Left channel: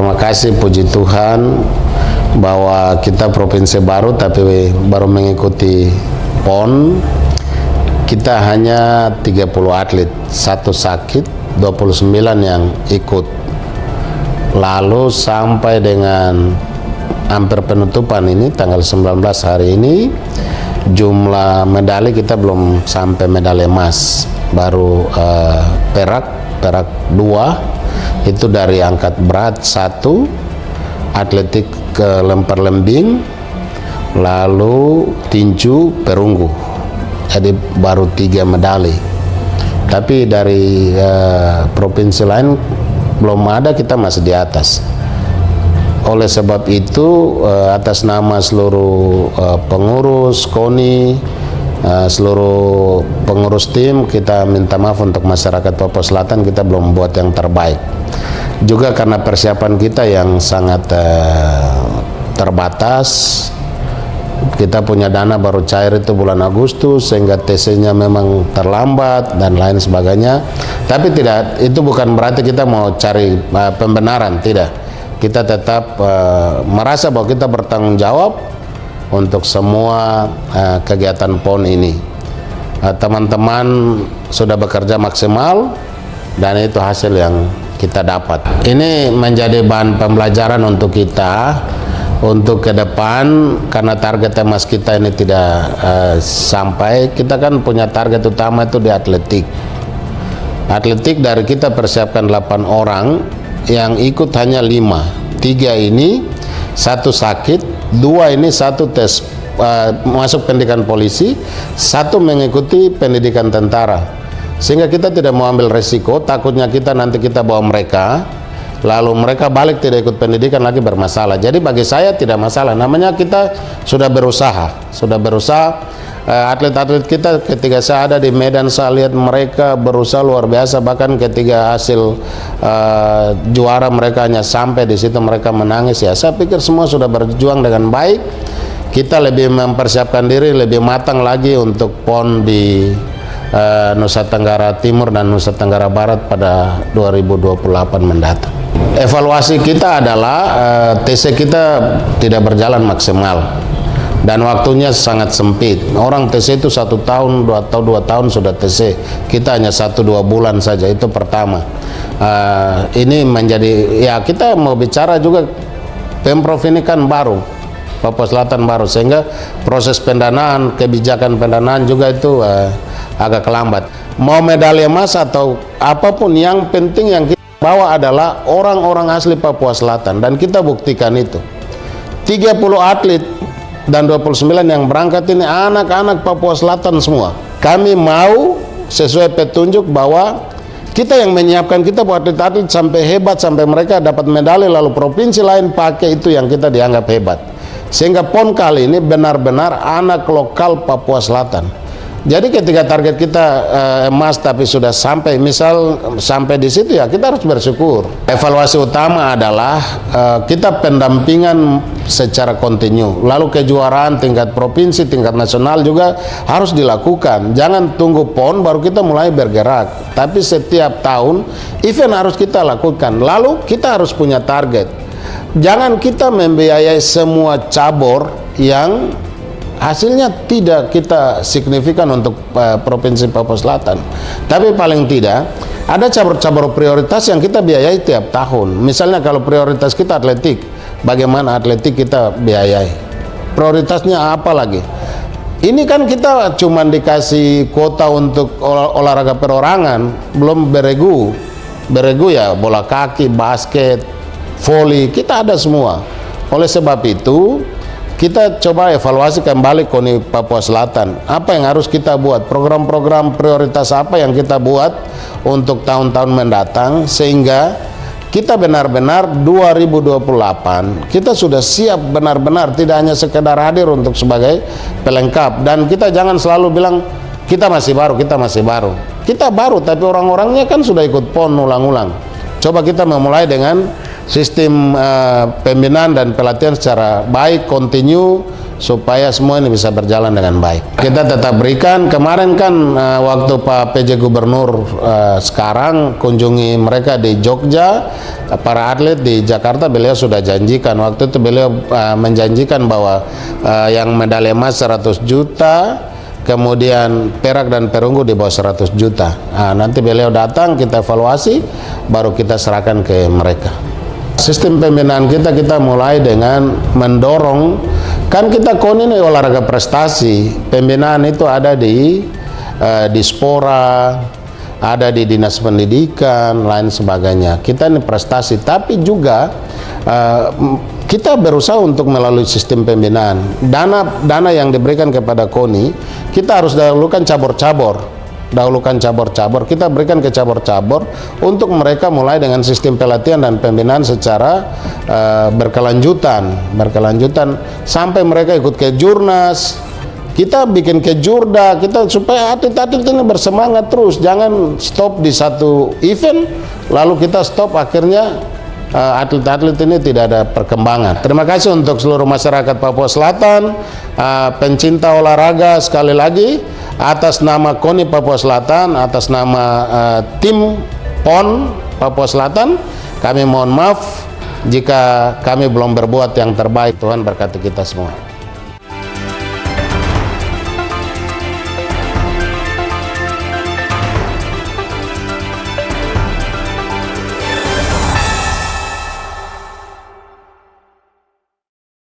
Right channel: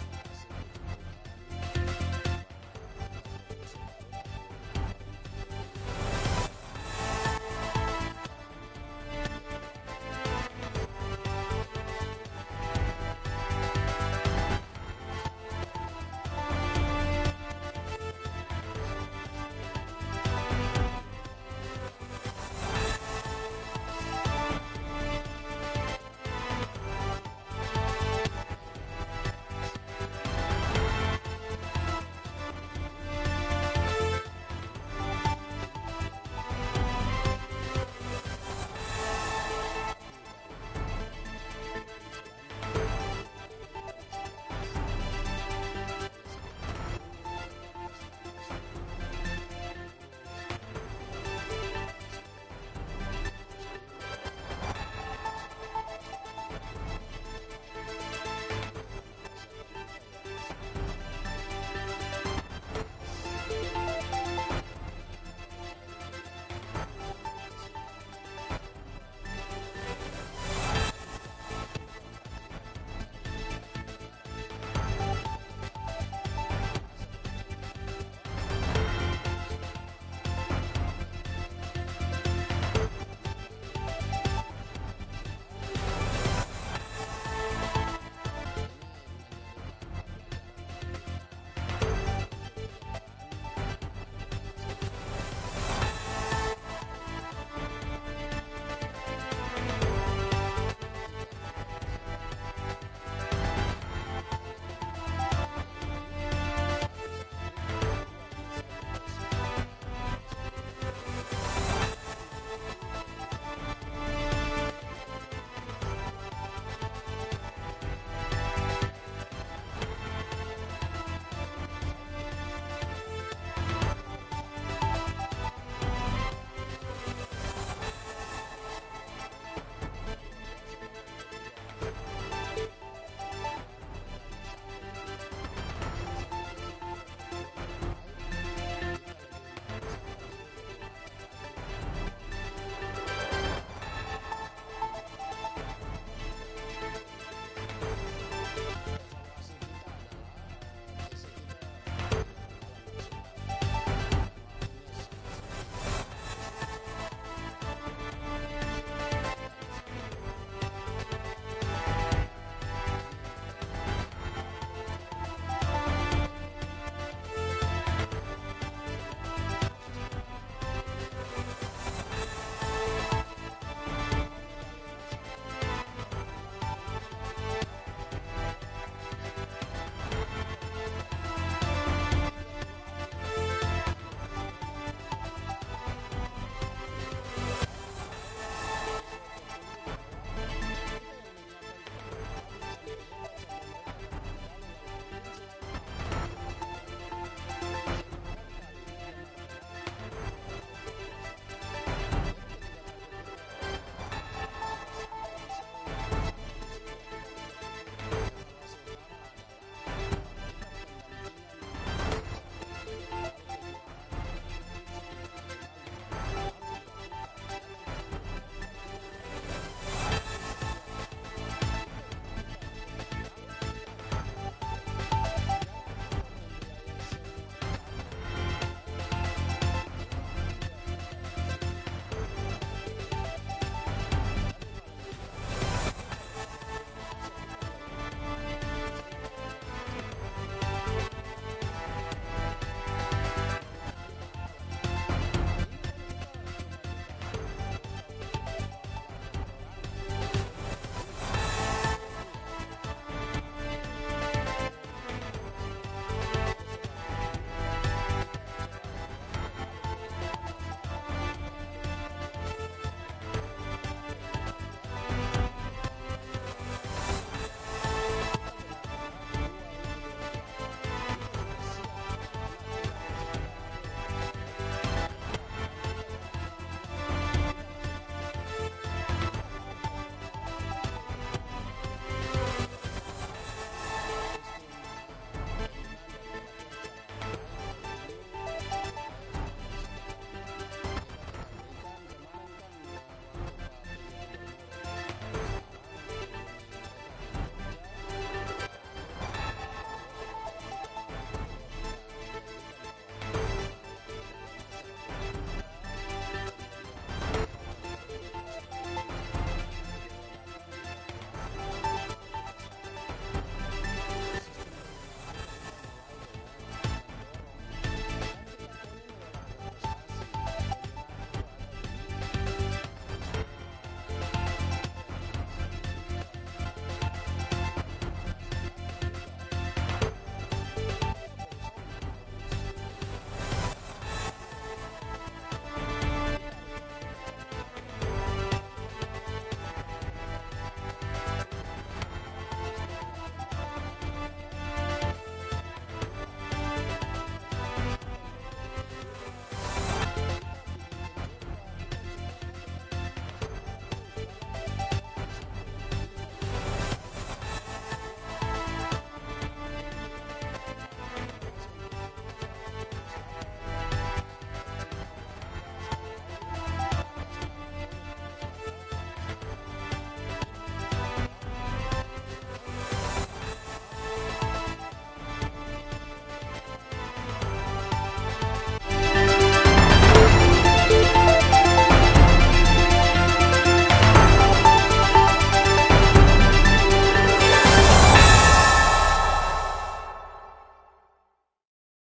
terima kasih, puji Tuhan bahwa kita provinsi baru tapi baru mengikuti PON. Kita hanya 30 atlet, satu sakit, 29 yang ikut. Lalu sampai dengan hampir penutupan ini tanggal 19 hari ini, jumlah medali kita belum sampai medali emas, baru perak 2, itu dari angkat berat 1, atletik ke lempar lembing, lalu tinju, perunggu. Jadi baru 3 medali. Tapi dari provinsi lain belum ada, kita masih di atas. Oleh sebab itu atas nama seluruh pengurus KONI, seluruh pengurus tim, kita minta maaf untuk masyarakat Papua Selatan, kita belum buat yang terbaik. Juga karena persiapan kita yang sangat terbatas, kita punya dana baru cair itu bulan Agustus, sehingga TC-nya memang terlambat dan lain sebagainya. Tapi tidak, itu bukan berarti kita mau cari pembenaran, tidak. Kita tetap merasa bahwa kita bertanggung jawab untuk semua kegiatan PON ini. Teman-teman sudah bekerja maksimal dan itu hasil yang kita dapat. Ini menjadi bahan pembelajaran untuk kita untuk ke depan, karena target emas kita ini tidak sampai. Kita kan punya target utama itu di atletik. Atletik dari kita persiapkan 8 orang, yang ikut hanya 5. 3 ini, 1 sakit, 2 ini 1 tes masuk pendidikan polisi, 1 mengikuti pendidikan tentara. Sehingga kita tidak mau ambil resiko, takutnya kita nanti kita bawa mereka, lalu mereka balik tidak ikut pendidikan lagi bermasalah. Jadi bagi saya tidak masalah, namanya kita sudah berusaha. Atlet-atlet kita ketika saya ada di Medan, saya lihat mereka berusaha luar biasa. Bahkan ketika hasil juara mereka hanya sampai di situ, mereka menangis. Ya, saya pikir semua sudah berjuang dengan baik. Kita lebih mempersiapkan diri lebih matang lagi untuk PON di Nusa Tenggara Timur dan Nusa Tenggara Barat pada 2028 mendatang. Evaluasi kita adalah TC kita tidak berjalan maksimal dan waktunya sangat sempit. Orang TC itu 1 tahun atau 2 tahun sudah TC, kita hanya 1-2 bulan saja. Itu pertama. Ini menjadi, ya kita mau bicara juga, Pemprov ini kan baru, Papua Selatan baru, sehingga proses pendanaan, kebijakan pendanaan juga itu agak kelambat. Mau medali emas atau apapun, yang penting yang kita bawa adalah orang-orang asli Papua Selatan, dan kita buktikan itu. 30 atlet dan 29 yang berangkat ini anak-anak Papua Selatan semua. Kami mau sesuai petunjuk bahwa kita yang menyiapkan, kita buat atlet-atlet sampai hebat, sampai mereka dapat medali, lalu provinsi lain pakai itu yang kita dianggap hebat. Sehingga PON kali ini benar-benar anak lokal Papua Selatan. Jadi ketika target kita emas tapi sudah sampai, misal sampai di situ, ya kita harus bersyukur. Evaluasi utama adalah kita pendampingan secara kontinu. Lalu kejuaraan tingkat provinsi, tingkat nasional juga harus dilakukan. Jangan tunggu PON baru kita mulai bergerak. Tapi setiap tahun event harus kita lakukan. Lalu kita harus punya target. Jangan kita membiayai semua cabur yang hasilnya tidak kita signifikan untuk Provinsi Papua Selatan. Tapi paling tidak ada cabur-cabur prioritas yang kita biayai tiap tahun. Misalnya kalau prioritas kita atletik, bagaimana atletik kita biayai? Prioritasnya apa lagi? Ini kan kita cuma dikasih kuota untuk olahraga perorangan, belum beregu. Beregu ya bola kaki, basket, voli, kita ada semua. Oleh sebab itu kita coba evaluasi kembali KONI Papua Selatan. Apa yang harus kita buat? Program-program prioritas apa yang kita buat untuk tahun-tahun mendatang, sehingga kita benar-benar 2028 kita sudah siap benar-benar, tidak hanya sekedar hadir untuk sebagai pelengkap. Dan kita jangan selalu bilang kita masih baru, kita masih baru. Kita baru tapi orang-orangnya kan sudah ikut PON ulang-ulang. Coba kita memulai dengan sistem pembinaan dan pelatihan secara baik, kontinu, supaya semua ini bisa berjalan dengan baik. Kita tetap berikan, kemarin kan waktu Pak PJ Gubernur sekarang kunjungi mereka di Jogja, para atlet di Jakarta, beliau sudah janjikan, waktu itu beliau menjanjikan bahwa yang medali emas 100 juta, kemudian perak dan perunggu di bawah 100 juta. Nanti beliau datang, kita evaluasi, baru kita serahkan ke mereka. Sistem pembinaan kita mulai dengan mendorong, kan kita KONI ini olahraga prestasi, pembinaan itu ada di Dispora, ada di Dinas Pendidikan, lain sebagainya. Kita ini prestasi, tapi juga kita berusaha untuk melalui sistem pembinaan. Dana yang diberikan kepada KONI, kita harus dahulukan cabur-cabur. Kita berikan ke cabur-cabur untuk mereka mulai dengan sistem pelatihan dan pembinaan secara berkelanjutan sampai mereka ikut ke Jurnas. Kita bikin ke Jurda, kita supaya atlet-atlet ini bersemangat terus, jangan stop di satu event lalu kita stop, akhirnya atlet-atlet ini tidak ada perkembangan. Terima kasih untuk seluruh masyarakat Papua Selatan, pencinta olahraga, sekali lagi atas nama KONI Papua Selatan, atas nama tim PON Papua Selatan, kami mohon maaf jika kami belum berbuat yang terbaik. Tuhan berkati kita semua.